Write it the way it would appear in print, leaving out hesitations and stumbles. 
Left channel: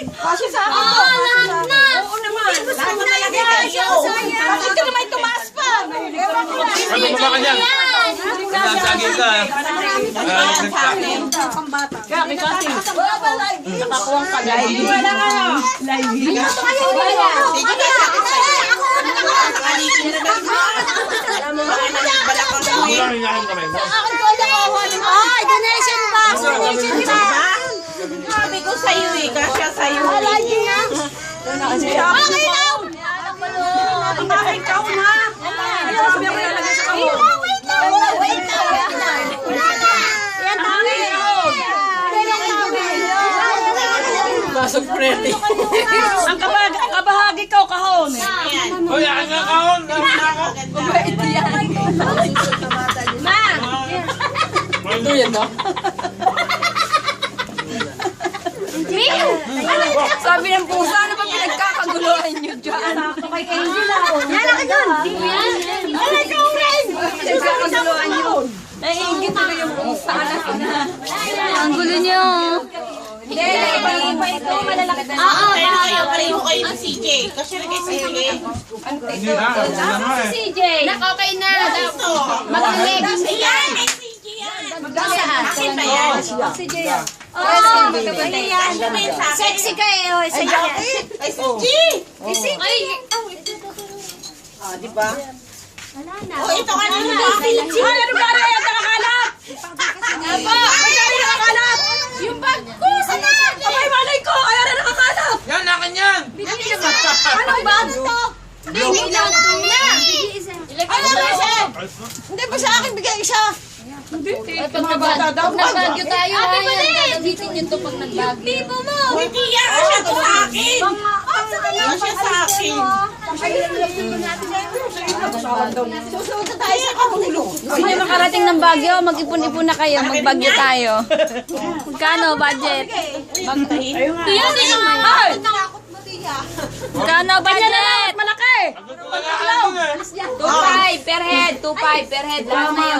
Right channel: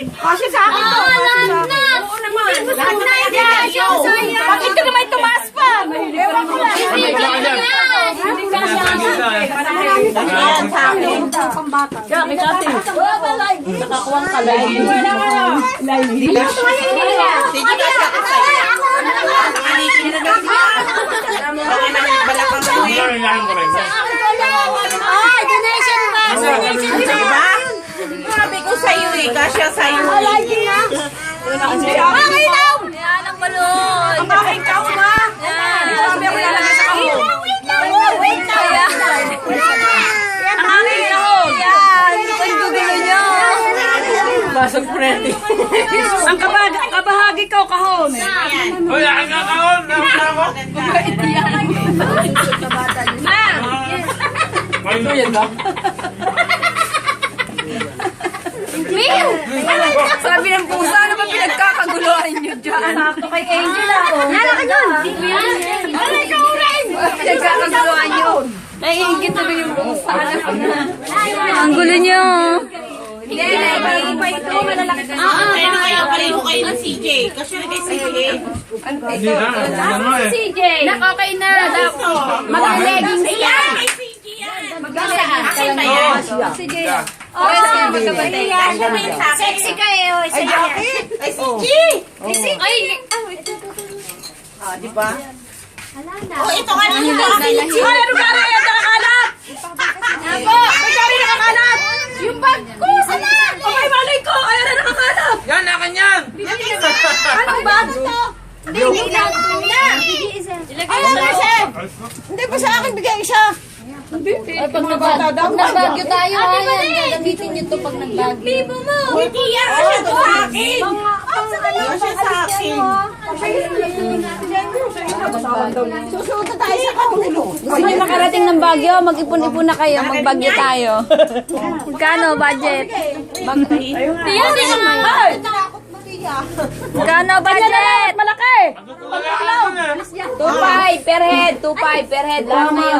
Kasi sa akin to. Oo naman. Bakit ka naman tumaas pa? Ewan ko lang. Wala ka dyan. Nasagin ka eh. Kaya may kasi. Nakakuwang ka live. Sabi ko sa'yo eh, kasya sa'yo. Basag preti. Ang kabahagi ko kahon eh. Uy, ang nakakon. Ito yan ba? Sabi ng pusa, ano ba pinagkakaguluhan nyo dyan? Kay Angel ako. Nala ka dyan! Alay ka mo rin! Pinagkakaguluhan nyo. Naiingit na yung pusa. Ang gulo nyo. Hindi, bago pa ito, malalaki na. Pareho kayo ng CJ. Kasya na kay CJ. Hindi na. CJ! Nakakay na. Mag-leggings ka. Kay CJ yan. Mag-saan? CJ. Oh, magkabantay. Sexy ka eh. Kay CJ. Ay! Diba? Oh, ito ka na nila. Ay, ano ka rin? Ito nakakalat! Apo! May kami nakakalat! Yung bag ko! Sana! Abay, malay ko! Ay, ano nakakalat! Yan, akin yan. Anong bag? Hindi na! Ay, ano siya? Hindi ba sa akin bigay isa? Pag nagbagyo tayo, ayan, gagamitin nyo ito pag nagbagyo. Hindi yan. Kasya to sa akin. Kasya sa akin. Susunod na tayo sa kahulog. Gusto nyo makarating ng Bagyo, mag-ipon-ipon na kayo, magbagyo tayo. Magkano budget? Ay! Magkano budget? Malaki! 2.5 per head, 2.5 per head, lahat na yun.